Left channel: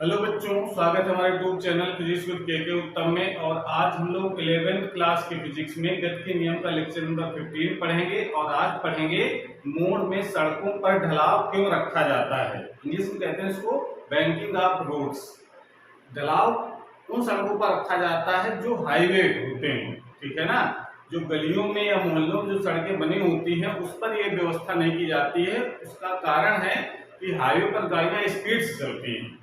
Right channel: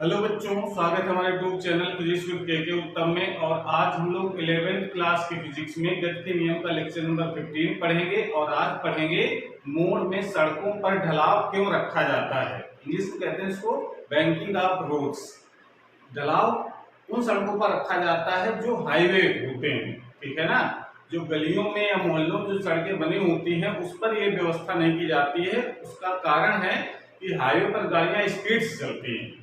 Hello बच्चों, स्वागत है हमारे यूट्यूब चैनल फिजिक्स विद के उत्तम में। और आज हम लोग 11th क्लास की फिजिक्स में गति के नियम का लेक्चर नंबर 15 पढ़ेंगे। और आज पढ़ेंगे मोड़ में सड़कों पर ढलाव क्यों रखा जाता है। इंग्लिश में कहते हैं इसको बैंकिंग ऑफ रोड्स। ढलाव उन सड़कों पर रखा जाता है जो हाईवे होते हैं, ठीक है ना। जो गलियों में या मोहल्लों में जो सड़कें बनी होती हैं उस पर यह व्यवस्था नहीं की जाती है। उसका कारण है कि हाईवे पर गाड़ियां स्पीड से चलती हैं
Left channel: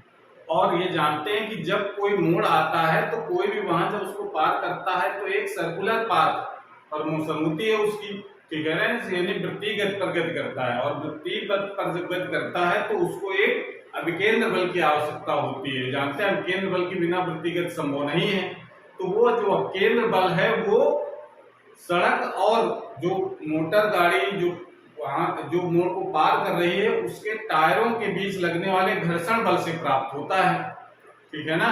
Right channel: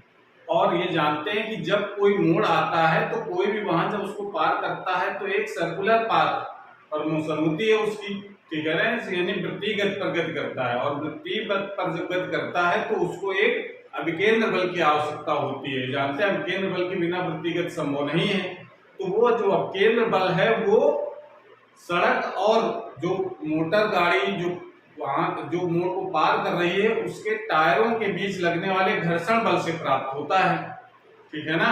और ये जानते हैं कि जब कोई मोड़ आता है तो कोई भी वाहन जब उसको पार करता है तो एक सर्कुलर पाथ और मोशन होती है उसकी, ठीक है ना। यानी वृत्तिगत प्रगति करता है और वृत्तिगत प्रगति करता है तो उसको एक अभिकेंद्र बल की आवश्यकता होती है। जानते हैं अभिकेंद्र बल के बिना वृत्तिगत संभव नहीं है। तो वो जो अभिकेंद्र बल है वो सड़क और जो मोटर गाड़ी जो वहां जो मोड़ को पार कर रही है उसके टायरों के बीच लगने वाले घर्षण बल से प्राप्त होता है, ठीक है ना।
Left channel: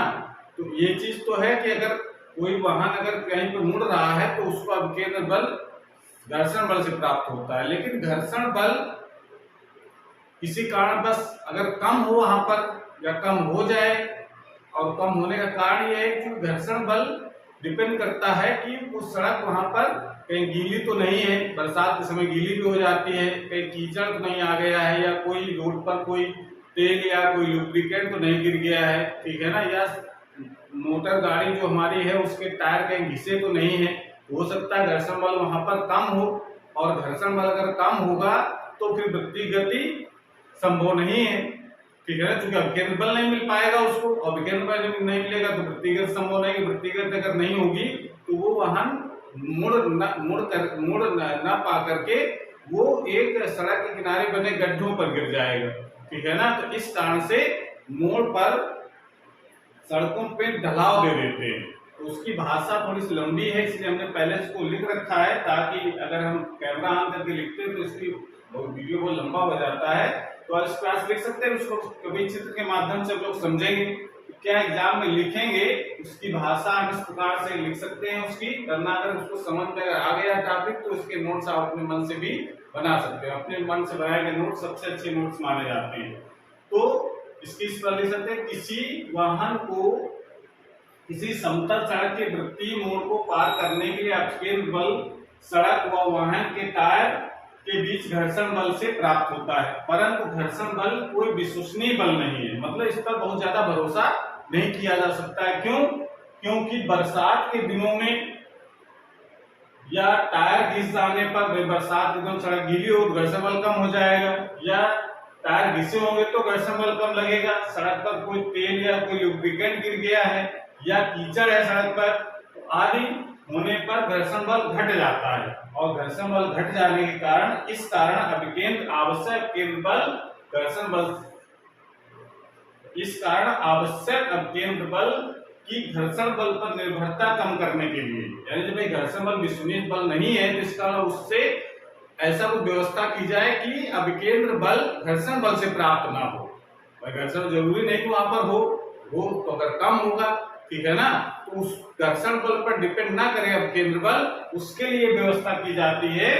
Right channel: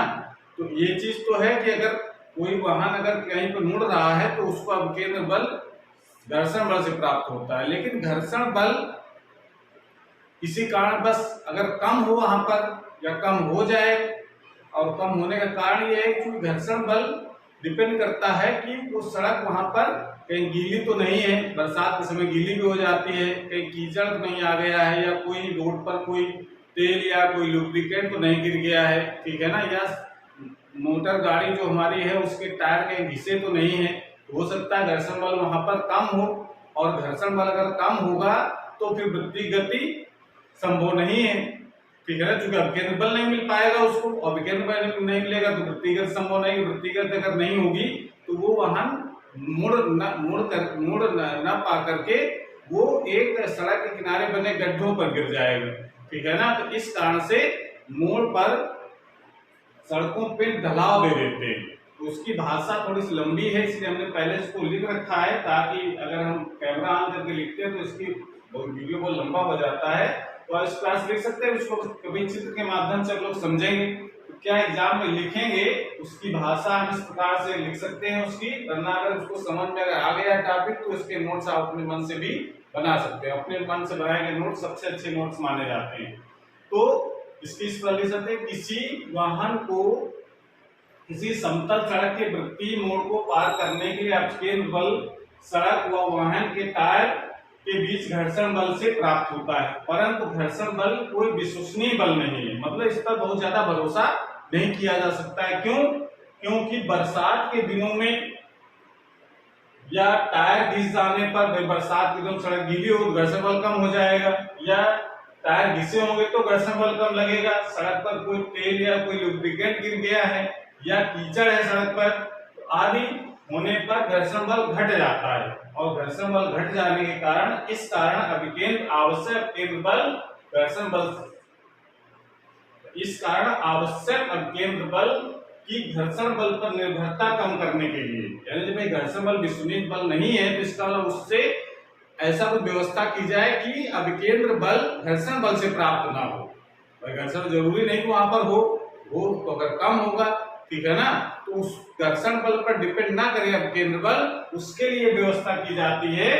तो ये चीज तो है कि अगर कोई वाहन अगर कहीं पर मुड़ रहा है तो उसको अभिकेंद्र बल घर्षण बल से प्राप्त होता है। लेकिन घर्षण बल किसी कारण बस अगर कम हो वहां पर या कम हो जाए, और कम होने का कारण यह है कि घर्षण बल डिपेंड करता है कि वो सड़क वहां पर कहीं गीली तो नहीं है, बरसात के समय गीली भी हो जाती है, कहीं कीचड़ तो नहीं आ गया है, या कोई रोड पर कोई तेल या कोई लुब्रिकेंट तो नहीं गिर गया है, ठीक है ना। या मोटर गाड़ी जो हमारी है उसके टायर कहीं घिसे तो नहीं है। हो सकता है घर्षण बल वहां पर कम हो, और घर्षण बल अगर कम होगा तो फिर वृत्ति गति संभव नहीं है, ठीक है ना। क्योंकि अभिकेंद्र बल नहीं मिल पाएगा उसको, अभिकेंद्र बल नहीं मिलेगा तो वृत्तिगत संभव नहीं। वृत्तिगत अगर नहीं होगी तो वो वाहन मुड़ न पा करके वो एक सड़क के किनारे बने गड्ढों पर गिर जाएगा, ठीक है ना। तो इस कारण से मोड़ पर सड़कों पे ढलाव दे देते हैं। तो उसकी भाषा थोड़ी सी लंबी है, इसलिए हमने पहले इसको लिख रखा है ताकि अगर हम कैमरा ऑन करके लिखते हैं तो इसकी वीडियो बहुत लंबा हो जाता है। तो इस क्लास लिख सकते हैं, उसको कभी चित्र के माध्यम से आप लोग समझेंगे। तो क्या एग्जाम में लिखेंगे उसकी भाषा हम इस प्रकार से लिख सकते हैं उसकी, वरना अगर उसको समझ में अगर आ गया टॉपिक तो इसके नोट्स आप अपने मन से भी बना सकते हैं। अपने मन से बनाए गए नोट्स सबसे अच्छे नोट्स माने जाते हैं। तो इसकी इस पर लिख सकते हैं, किसी वाहन को किसी समतल सड़क के वृत्तीय मोड़ को पार करने के लिए अभिकेंद्र बल सड़क व वाहन के टायर के बीच घर्षण बल से प्राप्त होता है। परंतु घर्षण बल कोई विश्वसनीय बल नहीं है, मतलब इस पर बहुत ज्यादा भरोसा नहीं किया जा सकता है। क्यों? क्योंकि बरसात के दिनों में या टायर घिस जाने पर, बरसात के दिनों सड़क गीली हो तो घर्षण बल कम हो जाएगा, या टायर घिसे होंगे तो घर्षण बल कम लगेगा। सड़क पर कोई तेल या कोई लुब्रिकेंट गिर गया है या कीचड़ है सड़क पर, तो आदि होने पर घर्षण बल घट जाता है। और घर्षण बल घट जाने के कारण इस कारण अभिकेंद्र आवश्यक केंद्र बल घर्षण बल इस कारण आवश्यक अभिकेंद्र बल की घर्षण बल पर निर्भरता कम करने के लिए, यानी जब भाई घर्षण बल विश्वसनीय बल नहीं है तो इसका मतलब उससे ऐसा कुछ व्यवस्था की जाए कि अभिकेंद्र बल घर्षण बल से प्राप्त ना हो। भाई घर्षण जरूरी नहीं कि वहां पर हो तो अगर कम होगा, ठीक है ना, तो उस घर्षण बल पर डिपेंड ना करे अभिकेंद्र बल, उसके लिए व्यवस्था की जाती है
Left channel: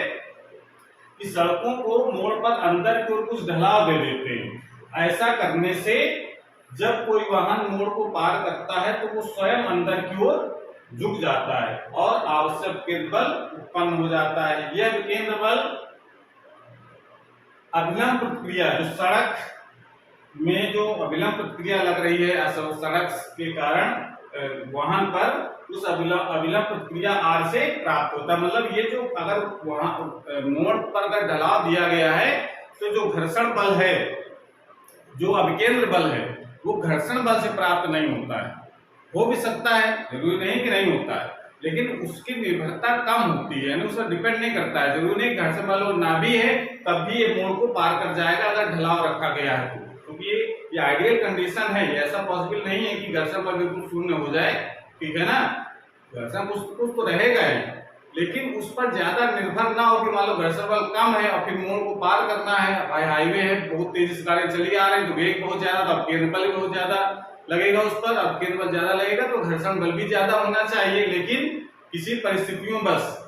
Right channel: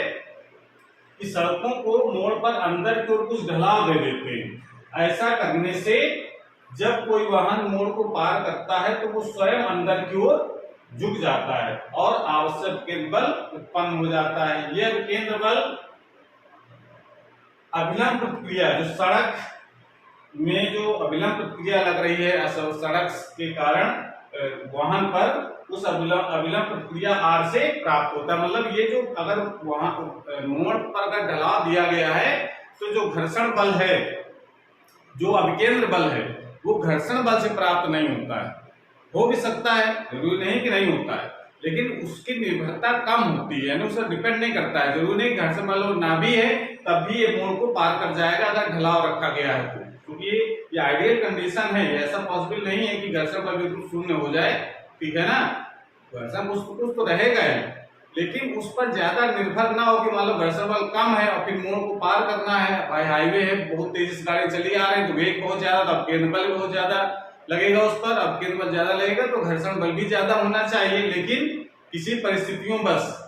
कि सड़कों को मोड़ पर अंदर की ओर कुछ ढलाव दे देते हैं। ऐसा करने से जब कोई वाहन मोड़ को पार करता है तो वो स्वयं अंदर की ओर झुक जाता है और आवश्यक केंद्र बल उत्पन्न हो जाता है। यह केंद्र बल अभिलंब प्रतिक्रिया, जो सड़क में जो अभिलंब प्रतिक्रिया लग रही है सड़क के कारण वाहन पर, उस अभिलंब प्रतिक्रिया आर से प्राप्त होता है। मतलब ये जो अगर वहां मोड़ पर अगर ढलाव दिया गया है तो जो घर्षण बल है, जो अभिकेंद्र बल है, वो घर्षण बल से प्राप्त नहीं होता है। हो भी सकता है, जरूरी नहीं कि नहीं होता है, लेकिन उसकी निर्भरता कम होती है, यानी उस पर डिपेंड नहीं करता है। जरूरी नहीं घर्षण बल ना भी है तब भी ये मोड़ को पार कर जाएगा अगर ढलाव रखा गया है तो, क्योंकि ये आइडियल कंडीशन है। ऐसा पॉसिबल नहीं है कि घर्षण बल बिल्कुल शून्य हो जाए, ठीक है ना। घर्षण कुछ तो रहेगा ही, लेकिन उस पर ज्यादा निर्भर ना हो कि मान लो घर्षण बल कम है और फिर मोड़ को पार करना है, भाई हाईवे है, बहुत तेजी से गाड़ी चली आ रही है तो वेग बहुत ज्यादा, तो अभिकेंद्र बल भी बहुत ज्यादा लगेगा उस पर, अभिकेंद्र बल ज्यादा लगेगा तो घर्षण बल भी ज्यादा होना चाहिए। लेकिन किसी परिस्थितियों बस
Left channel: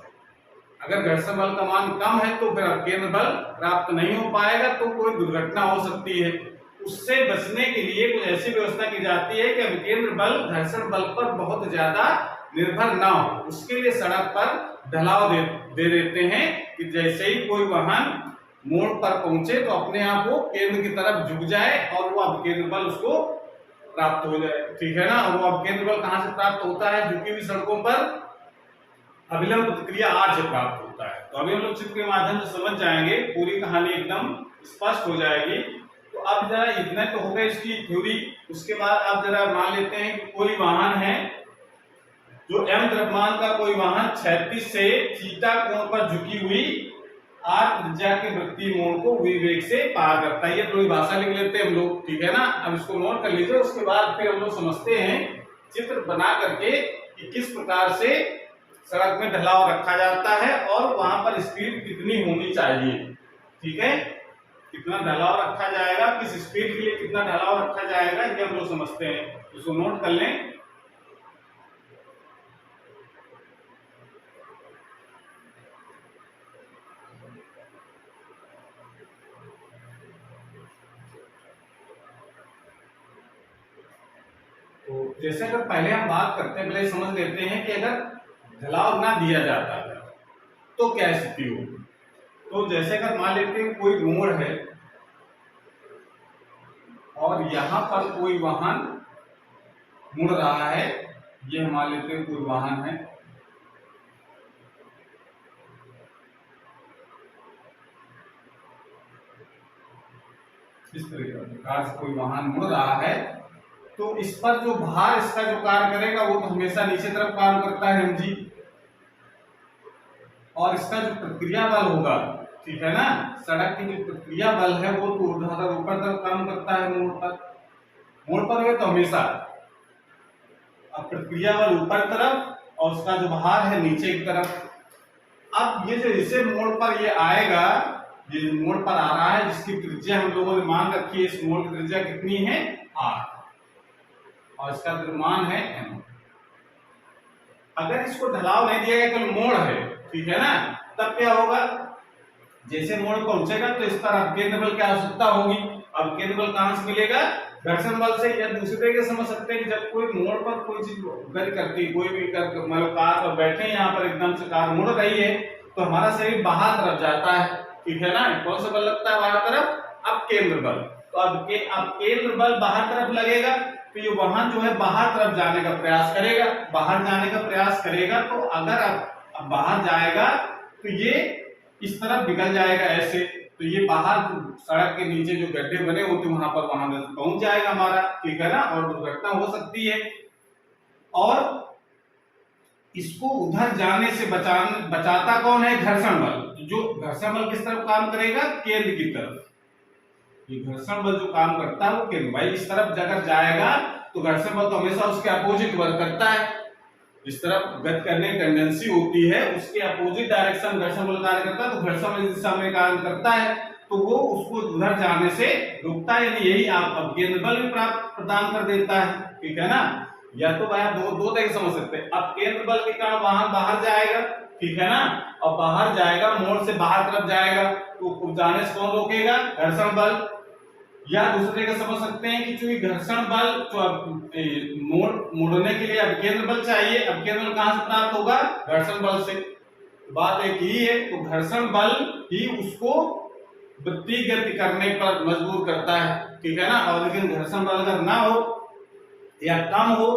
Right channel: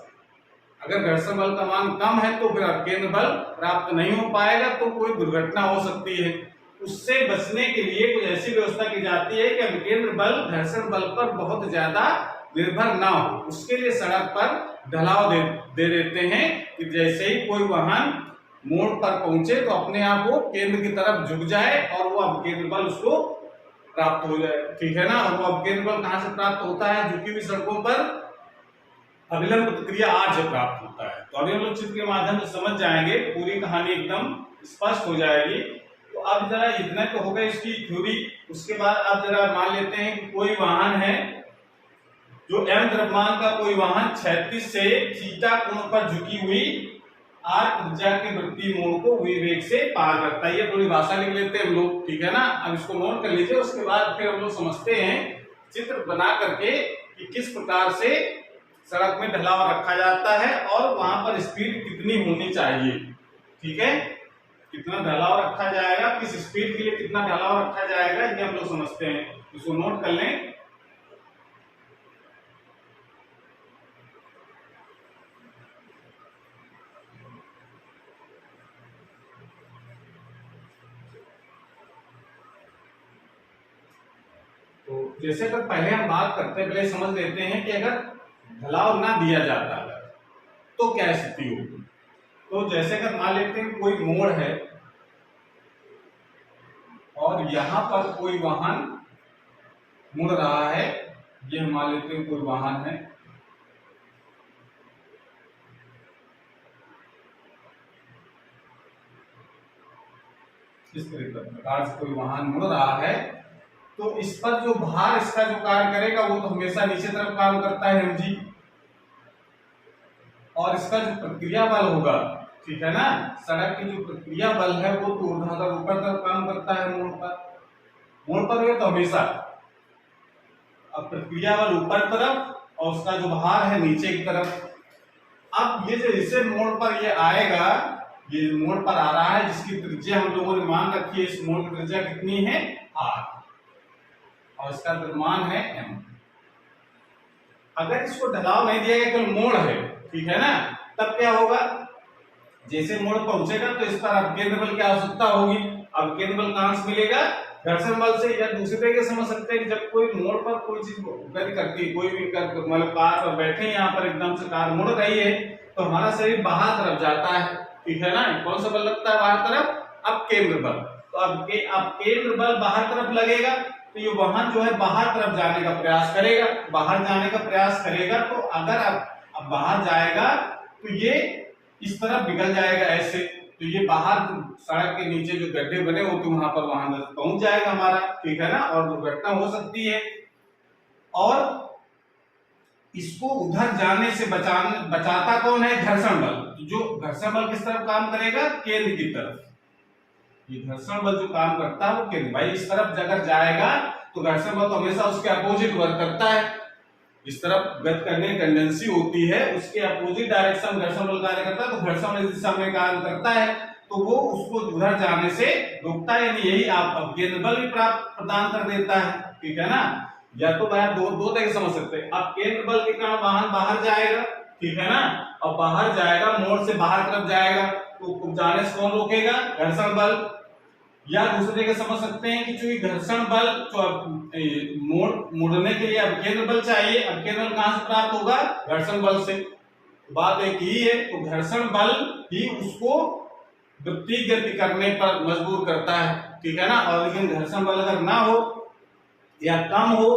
अगर घर्षण बल का मान कम है तो फिर अभिकेंद्र बल प्राप्त नहीं हो पाएगा, तो कोई दुर्घटना हो सकती है। उससे बचने के लिए कुछ ऐसी व्यवस्था की जाती है कि अभिकेंद्र बल घर्षण बल पर बहुत ज्यादा निर्भर ना हो। उसके लिए सड़क पर ढलाव दे देते हैं कि जैसे ही कोई वाहन मोड़ पर पहुंचे तो अपने आप वो केंद्र की तरफ झुक जाए और वो अभिकेंद्र बल उसको प्राप्त हो जाए, ठीक है ना। और वो अभिकेंद्र बल कहां से प्राप्त होता है? झुकी हुई सड़कों पर अभिलंब प्रतिक्रिया आर से प्राप्त होता है। तो अभी हम लोग चित्र के माध्यम से समझ जाएंगे, पूरी कहानी एकदम स्पष्ट हो जाएगी। तो अब जरा इतना तो होगा इसकी थ्योरी। उसके बाद आप जरा मान लेते हैं कि कोई वाहन है जो m द्रव्यमान का कोई वाहन क्षैतिज से थीटा कोण पर झुकी हुई आर त्रिज्या के वृत्तीय मोड़ को वेग से पार करता है। ये थोड़ी भाषा लिख लेते हैं हम लोग, ठीक है ना। अब इसको नोट कर लीजिए, उसके बाद फिर हम लोग समझते हैं चित्र बना करके कि किस प्रकार से सड़क में ढलाव रखा जाता है और वहां पर स्पीड कितनी होनी चाहिए, ठीक है। कितना ढलाव रखा जाएगा, किस स्पीड के लिए कितना ढलाव रखा जाएगा, ये हम लोग समझते हैं। इसको नोट कर लें। तो जैसे अगर पहले हम बात करते हैं, पहले समझ लेते हैं कि अगर ढलाव ना दिया जाता है तो क्या स्थिति होगी। तो जैसे अगर मान लेते हैं कोई मोड़ है और यहां पर कोई वाहन मुड़ रहा है, ये मान लेते हैं कोई वाहन है, इस प्रकार से कोई वाहन मुड़ रहा है, तो इस पर जो भार इसका जो कार्य करेगा वो तो हमेशा नीचे तरफ काम करता है mg, और इसका जो प्रतिक्रिया बल होगा, ठीक है ना, सड़क की जो प्रतिक्रिया बल है वो तो ऊर्ध्वाधर ऊपर तरफ काम करता है मोड़ पर हुए तो हमेशा। अब प्रतिक्रिया बल ऊपर तरफ और उसका जो भार है नीचे की तरफ। अब ये जो इसे मोड़ पर ये आएगा, ये मोड़ पर आ रहा है जिसकी त्रिज्या हम लोगों ने मान रखी है, इस मोड़ की त्रिज्या कितनी है r और इसका द्रव्यमान है m। अगर इसको ढलाव नहीं दिया गया, केवल मोड़ है, ठीक है ना, तब क्या होगा? जैसे मोड़ पहुंचेगा तो इस पर अभिकेंद्र बल की आवश्यकता होगी। अभिकेंद्र बल कहां से मिलेगा? घर्षण बल से। या दूसरे तरीके से समझ सकते हैं कि जब कोई मोड़ पर कोई चीज गति करती है, कोई भी मतलब कार पर बैठे यहाँ पर एकदम से कार मुड़ रही है तो हमारा शरीर बाहर तरफ जाता है, ठीक है ना। कौन सा बल लगता है बाहर तरफ? अभिकेंद्र बल। तो अभिकेंद्र बल बाहर तरफ लगेगा तो ये वाहन जो है बाहर तरफ जाने का प्रयास करेगा। बाहर जाने का प्रयास करेगा तो अगर अब बाहर जाएगा तो ये इस तरफ निकल जाएगा ऐसे, तो ये बाहर सड़क के नीचे जो गड्ढे बने होते वहां पर वाहन पहुंच जाएगा हमारा, ठीक है ना, और दुर्घटना हो सकती है। और इसको उधर जाने से बचाता कौन है? घर्षण बल। जो घर्षण बल किस तरफ काम करेगा? केंद्र की तरफ। ये घर्षण बल जो काम करता है वो केंद्र, भाई इस तरफ अगर जाएगा तो घर्षण बल तो हमेशा उसके अपोजिट वर्क करता है। इस तरफ गति करने की टेंडेंसी होती है, उसके अपोजिट डायरेक्शन घर्षण बल कार्य करता है, तो घर्षण बल इस दिशा में कार्य करता है तो वो उसको उधर जाने से रोकता है। यानी यही आप अभिकेंद्र बल भी प्रदान कर देता है, ठीक है ना। या तो भाई आप दो तरीके समझ सकते हैं। अब केंद्र बल के कारण वाहन बाहर जाएगा, ठीक है ना, और बाहर जाएगा, मोड़ से बाहर तरफ जाएगा तो जाने से कौन रोकेगा? घर्षण बल। या दूसरे तरीके समझ सकते हैं कि जो घर्षण बल जो मुड़ने के लिए अभिकेंद्र बल चाहिए, अभिकेंद्र बल कहां से प्राप्त होगा? घर्षण बल से। बात एक ही है, तो घर्षण बल ही उसको वृत्तीय गति करने पर मजबूर करता है, ठीक है ना। और लेकिन घर्षण बल अगर ना हो या कम हो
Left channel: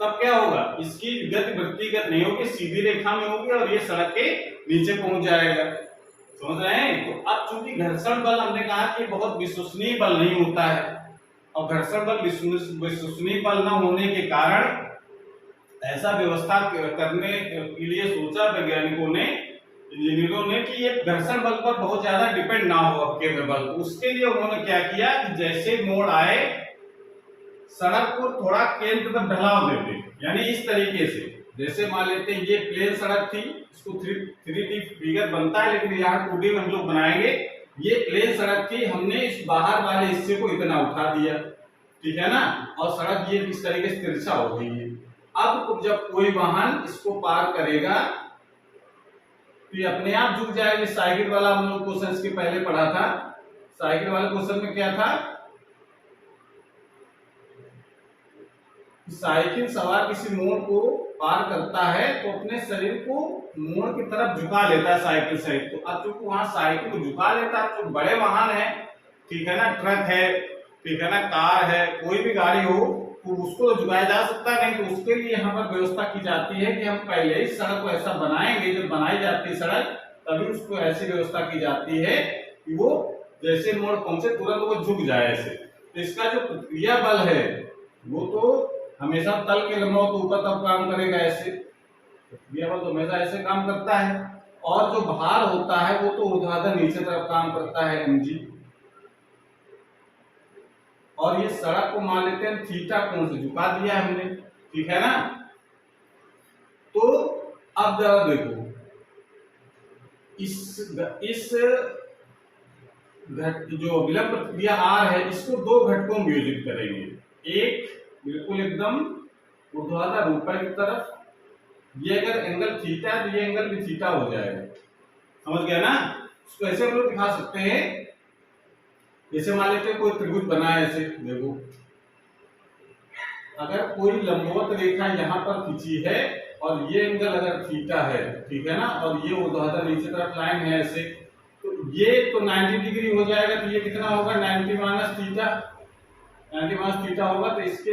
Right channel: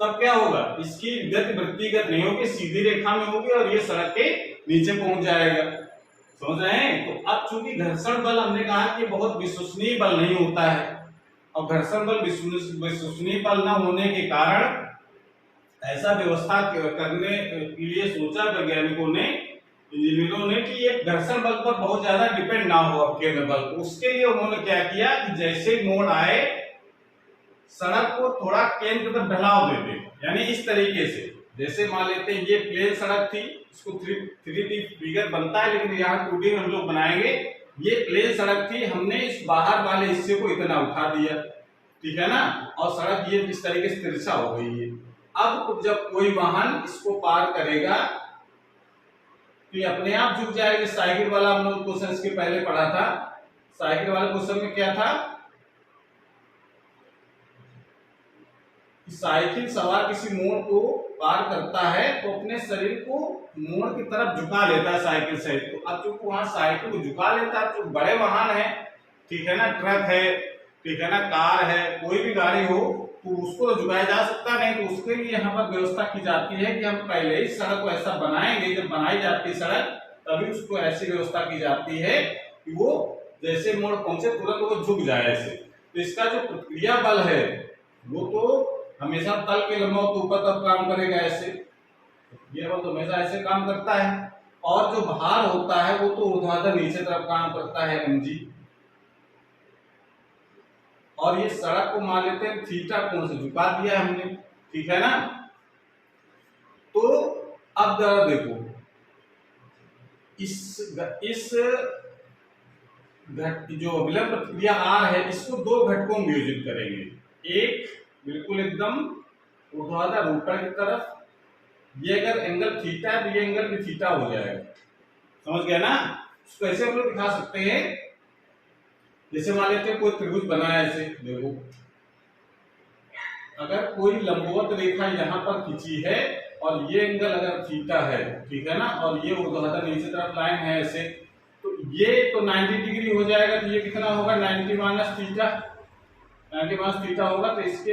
तब क्या होगा? इसकी गति वृत्तीय गति नहीं होगी, सीधी रेखा में होगी और ये सड़क के नीचे पहुंच जाएगा। समझ रहे हैं? तो अब चूंकि घर्षण बल हमने कहा कि बहुत विश्वसनीय बल नहीं होता है, और घर्षण बल विश्वसनीय बल न होने के कारण ऐसा व्यवस्था करने के लिए सोचा वैज्ञानिकों ने, इंजीनियरों ने, कि ये घर्षण बल पर बहुत ज्यादा डिपेंड ना हो अभिकेंद्र बल। उसके लिए उन्होंने क्या किया कि जैसे मोड़ आए सड़क को थोड़ा केंद्र तक ढलाव दे दे। यानी इस तरीके से, जैसे मान लेते हैं ये प्लेन सड़क थी, इसको 3D फिगर बनता है लेकिन यहाँ 2D में हम लोग बनाएंगे। ये प्लेन सड़क थी, हमने इस बाहर वाले हिस्से को इतना उठा दिया, ठीक है ना, और सड़क ये इस तरीके से तिरछा हो गई है। अब जब कोई वाहन इसको पार करेगा तो ये अपने आप झुक जाएगी। साइकिल वाला हम लोग क्वेश्चन के पहले पढ़ा था, साइकिल वाले क्वेश्चन में क्या था कि साइकिल सवार किसी मोड़ को पार करता है तो अपने शरीर को मोड़ की तरफ झुका लेता है साइकिल सहित। तो अब चूंकि वहां साइकिल को झुका लेता है, तो बड़े वाहन है, ठीक है ना, ट्रक है, ठीक है ना, कार है, कोई भी गाड़ी हो, तो उसको तो झुकाया जा सकता नहीं। तो उसके लिए यहाँ पर व्यवस्था की जाती है कि हम पहले ही सड़क को ऐसा बनाएंगे, जब बनाई जाती है सड़क तभी उसको ऐसी व्यवस्था की जाती है कि वो जैसे मोड़ पहुंचे तुरंत वो झुक जाए ऐसे। तो इसका जो प्रतिक्रिया बल है वो तो हमेशा तल के लंबाई के ऊपर तब काम करेगा ऐसे, प्रतिक्रिया बल तो हमेशा ऐसे काम करता है। और जो भार होता है वो तो ऊर्ध्वाधर नीचे तरफ काम करता है mg। और ये सड़क को मान लेते हैं थीटा कोण से झुका दिया हमने, ठीक है ना। तो अब जरा देखो इस जो अभिलंब प्रतिक्रिया R है इसको दो घटकों में विभाजित करेंगे। एक बिल्कुल एकदम ऊर्ध्वाधर ऊपर की तरफ, ये अगर एंगल थीटा है तो ये एंगल भी थीटा हो जाएगा, समझ गया ना। इसको ऐसे हम लोग दिखा सकते हैं, जैसे मान लेते हैं कोई त्रिभुज बना है ऐसे, देखो अगर कोई लंबवत रेखा यहाँ पर खींची है और ये एंगल अगर थीटा है, ठीक है ना, और ये ऊर्ध्वाधर नीचे तरफ लाइन है ऐसे, तो ये तो 90 डिग्री हो जाएगा। तो ये कितना होगा 90 माइनस थीटा, 90 माइनस थीटा होगा। तो इसके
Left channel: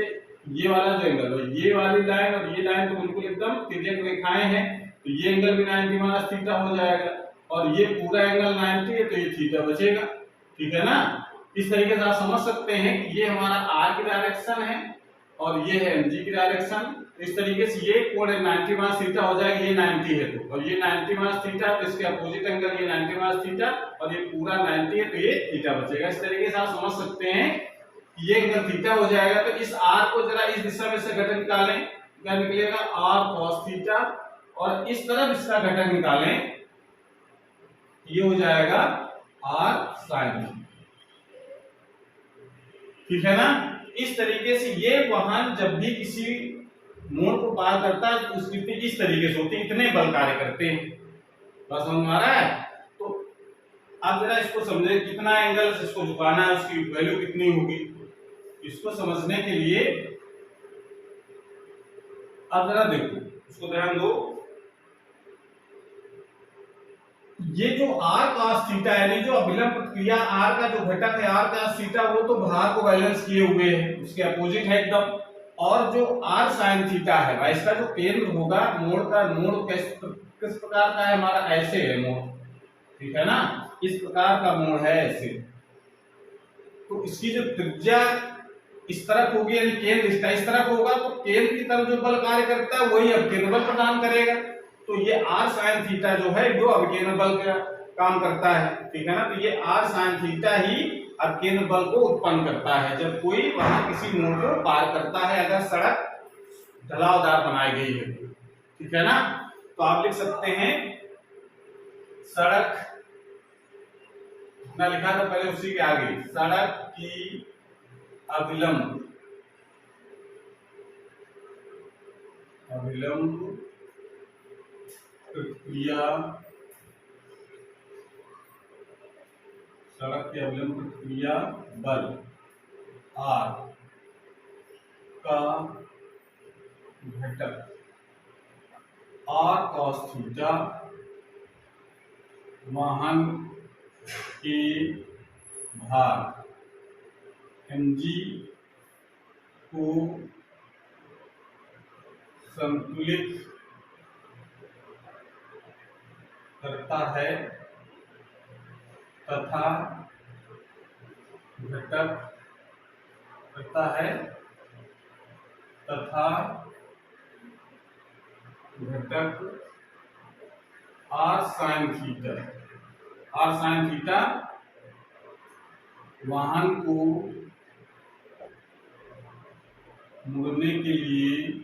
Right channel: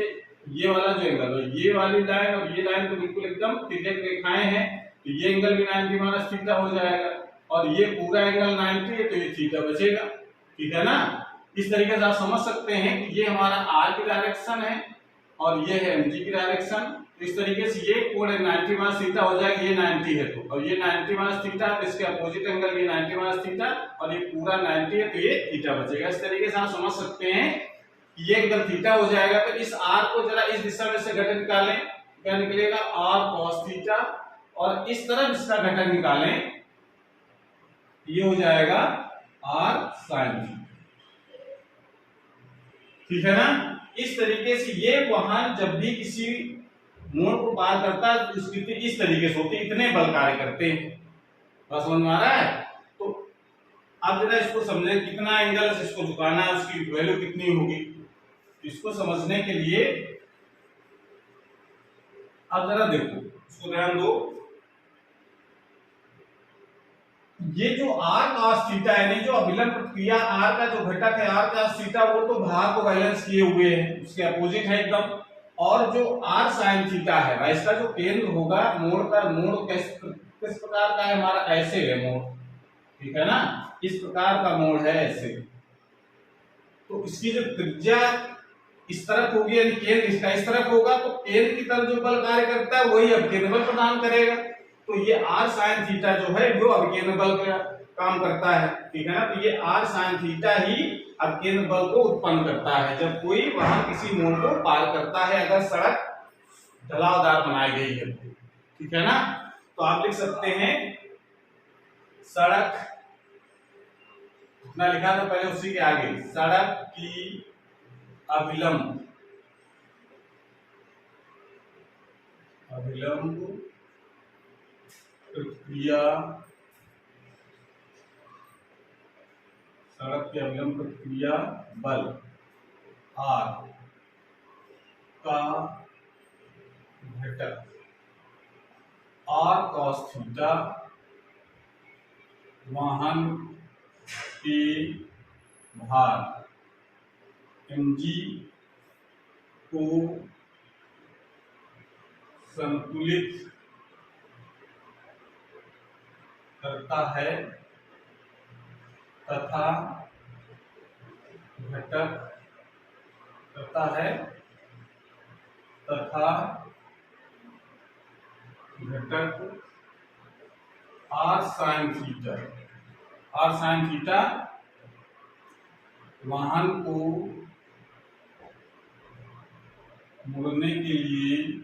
ये वाला जो एंगल है, ये वाली लाइन और ये लाइन तो बिल्कुल एकदम तिर्यक रेखाएं हैं, तो ये एंगल भी 90 माइनस थीटा हो जाएगा। और ये पूरा एंगल 90 है तो ये थीटा बचेगा, ठीक है ना। इस तरीके से आप समझ सकते हैं कि ये हमारा r की डायरेक्शन है और ये है mg की डायरेक्शन। इस तरीके से ये कोण 90 माइनस थीटा हो जाएगा, ये 90 है तो, और ये 90 माइनस थीटा है तो इसके अपोजिट एंगल ये 90 माइनस थीटा और ये पूरा 90 है तो ये थीटा बचेगा। इस तरीके से आप समझ सकते हैं कि ये एंगल थीटा हो जाएगा। तो इस r को जरा इस दिशा में से घटक निकालें, क्या निकलेगा r cos थीटा, और इस तरफ इसका घटक निकालें, ये हो जाएगा r sin थीटा, ठीक है ना। इस तरीके से ये वाहन जब भी किसी मोड़ को पार करता है तो उसकी स्थिति इस तरीके से होती है, इतने बल कार्य करते हैं। बस समझ में आ रहा है। तो अब जरा इसको समझे, कितना एंगल से इसको झुकाना है, उसकी वैल्यू कितनी होगी। इसको समझने के लिए अब जरा देखो, इसको ध्यान दो, ये जो r cos थीटा है, नहीं जो अभिलंब प्रतिक्रिया r का जो घटक है r cos थीटा, वो तो भार को बैलेंस किए हुए है, उसके अपोजिट है एकदम। और जो r sin थीटा है भाई, इसका जो केंद्र होगा मोड़ का, मोड़ किस प्रकार का है हमारा, ऐसे है मोड़, ठीक है ना, इस प्रकार का मोड़ है ऐसे। तो इसकी जो त्रिज्या इस तरफ होगी, यानी केंद्र इसका इस तरफ होगा, तो केंद्र की तरफ जो बल कार्य करता है वही अवकेंद्र बल प्रदान करेगा। तो ये r sin थीटा जो है वो अवकेंद्र बल का काम करता है, ठीक है ना। तो ये r sin थीटा ही अवकेंद्र बल को उत्पन्न करता है जब कोई वाहन किसी मोड़ को पार करता है, अगर सड़क ढलावदार बनाई गई है, ठीक है ना। तो आप लिख सकते हैं सड़क, ना लिखा था पहले उसी के आगे, सड़क की अभिलंब प्रतिक्रिया, सड़क के अभिलंब प्रतिक्रिया बल R का घटक R cos थीटा वाहन के भार mg को संतुलित करता है तथा घटक r sin थीटा वाहन को मुड़ने के लिए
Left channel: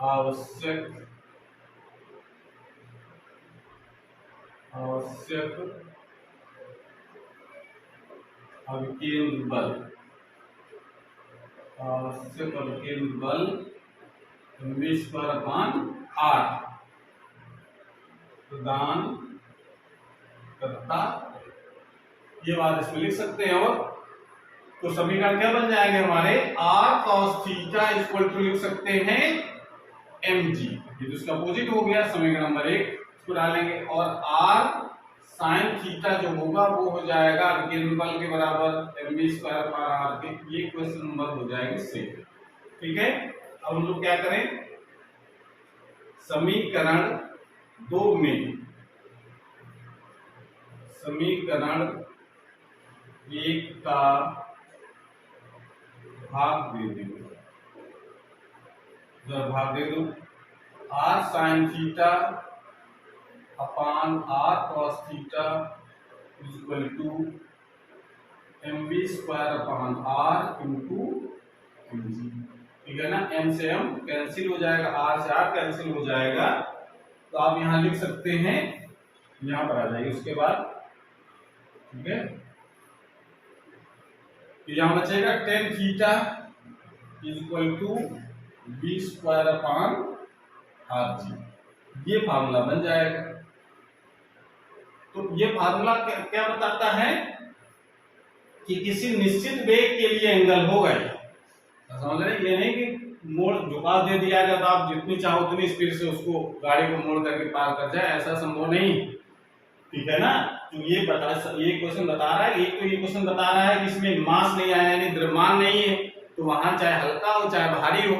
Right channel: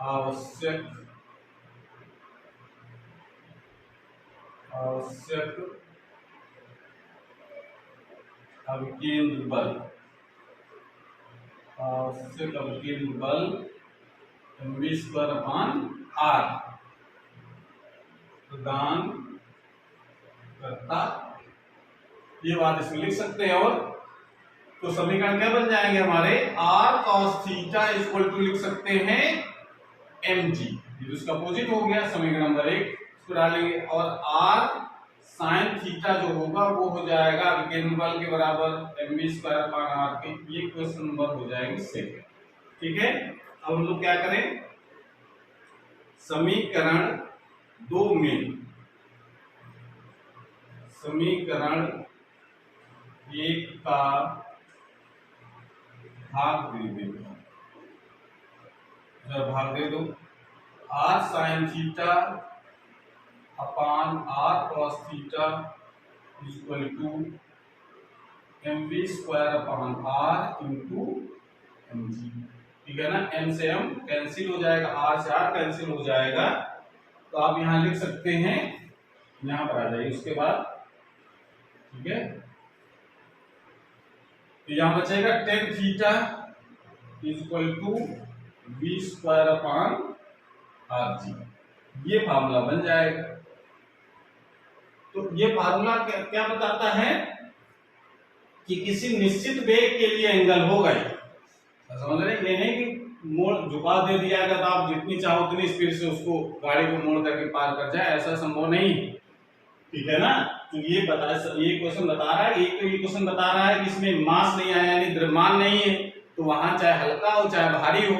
आवश्यक अवकेंद्र बल mv/r प्रदान करता ये बात इसमें लिख सकते हैं। और तो समीकरण क्या बन जाएंगे हमारे, r cos theta equal to लिख सकते हैं mg, ये तो इसका अपोजिट हो गया समीकरण नंबर 1, इसको डालेंगे। और r sin थीटा जो होगा वो हो जाएगा विकेंद्र बल के बराबर mv स्क्वायर अपान r के। ये क्वेश्चन नंबर हो जाएंगे सेकंड। ठीक है, अब हम लोग क्या करें, समीकरण 2 में समीकरण 1 का भाग दे दो, भाग दे दो, r sin theta upon r cos theta equal to mv square upon r into mg। ठीक है ना, m से m कैंसिल हो जाएगा, r से r कैंसिल हो जाएगा, तो आप यहां लिख सकते हैं, यहां पर आ जाइए उसके बाद। ठीक है, तो यहां बचेगा tan theta equal to v square upon rg, ये फार्मूला बन जाएगा। तो ये फार्मूला क्या बताता है कि किसी निश्चित वेग के लिए एंगल होगा, समझ रहे, ये नहीं कि मोड़ झुकाव दे दिया गया तो आप जितनी चाहो उतनी स्पीड से उसको गाड़ी को मोड़ करके पार कर जाए, ऐसा संभव नहीं। ठीक है ना, तो ये क्वेश्चन बता रहा है, एक तो ये क्वेश्चन बता रहा है कि इसमें मास नहीं आया, यानी द्रव्यमान नहीं है, तो वहां चाहे हल्का हो चाहे भारी हो।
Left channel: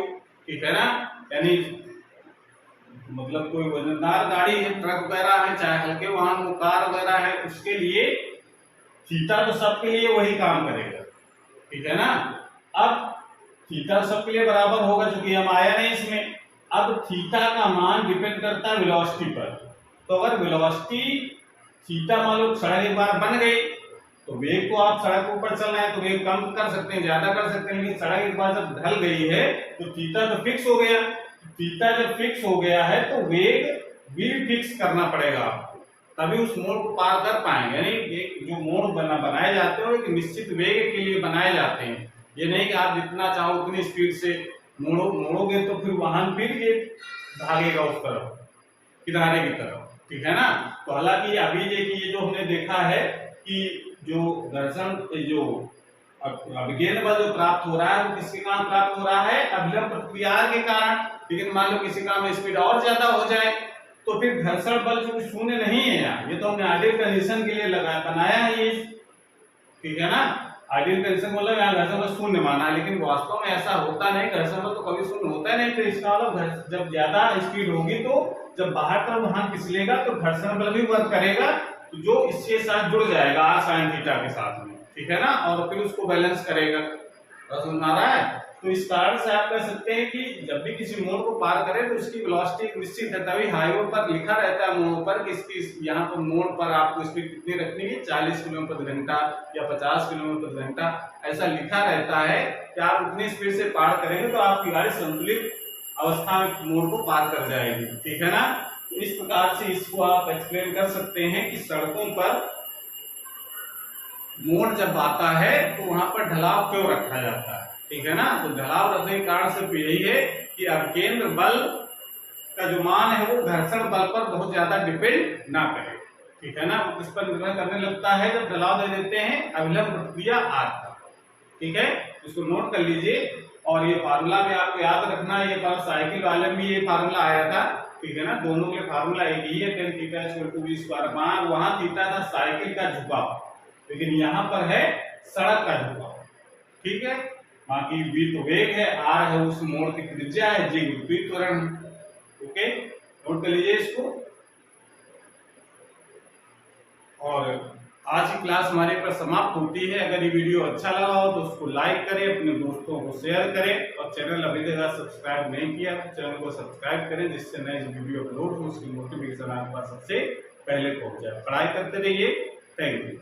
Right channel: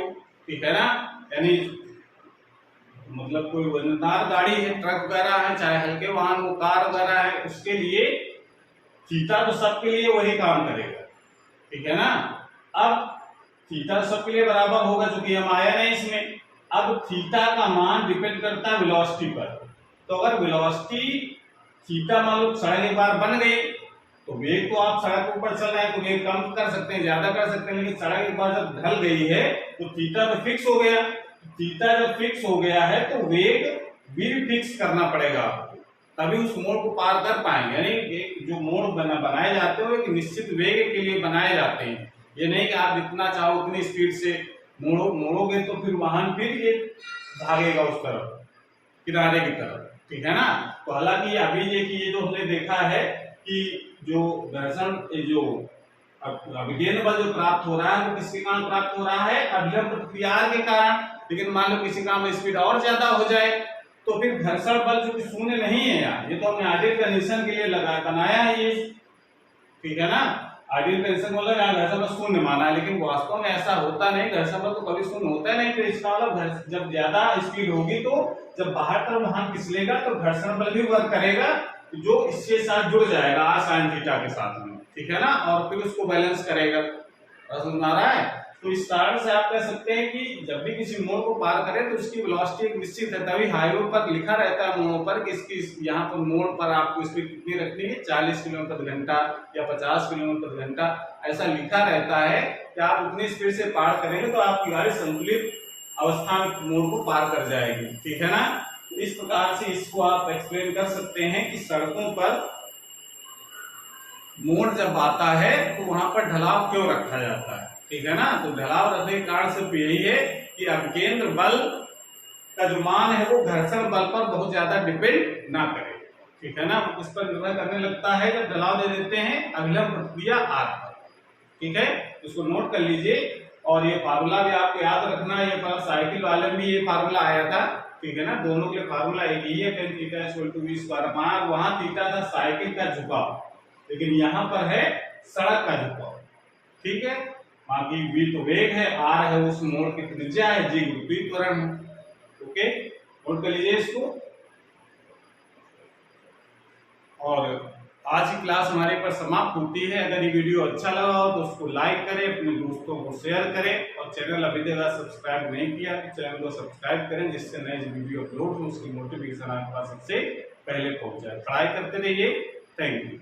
ठीक है ना, यानी मतलब कोई वजनदार गाड़ी है, ट्रक वगैरह है, चाहे हल्के वाहन हो, कार वगैरह है, उसके लिए थीटा तो सबके लिए वही काम करेगा। ठीक है ना, अब थीटा सबके लिए बराबर होगा, चूंकि हम आया नहीं इसमें। अब थीटा का मान डिपेंड करता है वेलोसिटी पर, तो अगर वेलोसिटी थीटा मान लो सड़क एक बार बन गई, तो वेग को आप सड़क के ऊपर चल रहे हैं तो वेग कम कर सकते हैं, ज्यादा कर सकते हैं, लेकिन सड़क एक बार जब ढल गई है तो थीटा तो फिक्स हो गया। थीटा जब फिक्स हो गया है तो वेग भी फिक्स करना पड़ेगा आपको, तभी उस मोड़ को पार कर पाएंगे। यानी जो मोड़ बनाए जाते हैं वो एक निश्चित वेग के लिए बनाए जाते हैं, ये नहीं कि आप जितना चाहो उतनी स्पीड से मोड़ोगे तो फिर वाहन फिर ये भागेगा उस तरफ, किनारे की तरफ। ठीक है ना, तो हालांकि अभी देखिए ये जो हमने देखा है कि जो घर्षण जो विकेंद्र बल जो प्राप्त हो रहा है वो किसके कारण प्राप्त हो रहा है, अभिलंब प्रतिक्रिया के कारण। लेकिन मान लो किसी काम में स्पीड और ज्यादा हो जाए तो फिर घर्षण बल जो शून्य नहीं है यार, ये तो हमने आइडियल कंडीशन के लिए बनाया है ये। ठीक है ना, आइडियल कंडीशन मतलब यहाँ घर्षण बल शून्य माना है, लेकिन वास्तव में ऐसा होता नहीं, घर्षण बल तो कभी शून्य होता नहीं। तो इसका मतलब जब ज्यादा स्पीड होगी तो जब बाहर तरफ वाहन फिसलेगा तो घर्षण बल भी वर्क करेगा, जो इसके साथ जुड़ जाएगा r sin थीटा के साथ में। ठीक है ना, और फिर उसको बैलेंस करेगा। समझ आ रहा है, तो इस कारण से आप कह सकते हैं कि जब भी किसी मोड़ को पार करें तो उसकी वेलोसिटी एक निश्चित है, तभी हाईवे पर लिखा रहता है मोड़ पर कि इसकी यहाँ पर मोड़ पर आपको स्पीड कितनी रखनी है, 40 किलोमीटर घंटा या 50 किलोमीटर घंटा, ऐसा लिखा रहता है कि आप उतनी स्पीड से पार करेंगे तो आपकी गाड़ी संतुलित अवस्था में मोड़ को पार कर जाएगी। ठीक है ना, इस प्रकार से इसको आप एक्सप्लेन कर सकते हैं कि सड़कों पर मोड़ जब आता है तो वहां पर ढलाव क्यों रखा जाता है। ठीक है ना, तो ढलाव रखने के कारण सिर्फ यही है कि अभिकेंद्र बल का जो मान है वो घर्षण बल पर बहुत ज्यादा डिपेंड ना करे। ठीक है ना, इस पर निर्भर करने लगता है जब ढलाव दे देते हैं अभिलंब प्रतिक्रिया r पर। ठीक है, इसको नोट कर लीजिए। और ये फार्मूला भी आपको याद रखना है, ये साइकिल वाले में ये फार्मूला आया था। ठीक है ना, दोनों के फार्मूला एक ही है, tan theta equal to v square upon, वहां थीटा था साइकिल का झुकाव, लेकिन यहाँ पर है सड़क का झुकाव। ठीक है, बाकी v तो वेग है, r है उस मोड़ की त्रिज्या है, g गुरुत्वीय त्वरण है। ओके, नोट कर लीजिए इसको। और आज की क्लास हमारे पर समाप्त होती है। अगर ये वीडियो अच्छा लगा हो तो उसको लाइक करें, अपने दोस्तों को शेयर करें, और चैनल अभी तक सब्सक्राइब नहीं किया तो चैनल को सब्सक्राइब करें, जिससे नए वीडियो अपलोड हो उसकी नोटिफिकेशन आपके पास सबसे पहले पहुंच जाए। पढ़ाई करते रहिए। Thank you.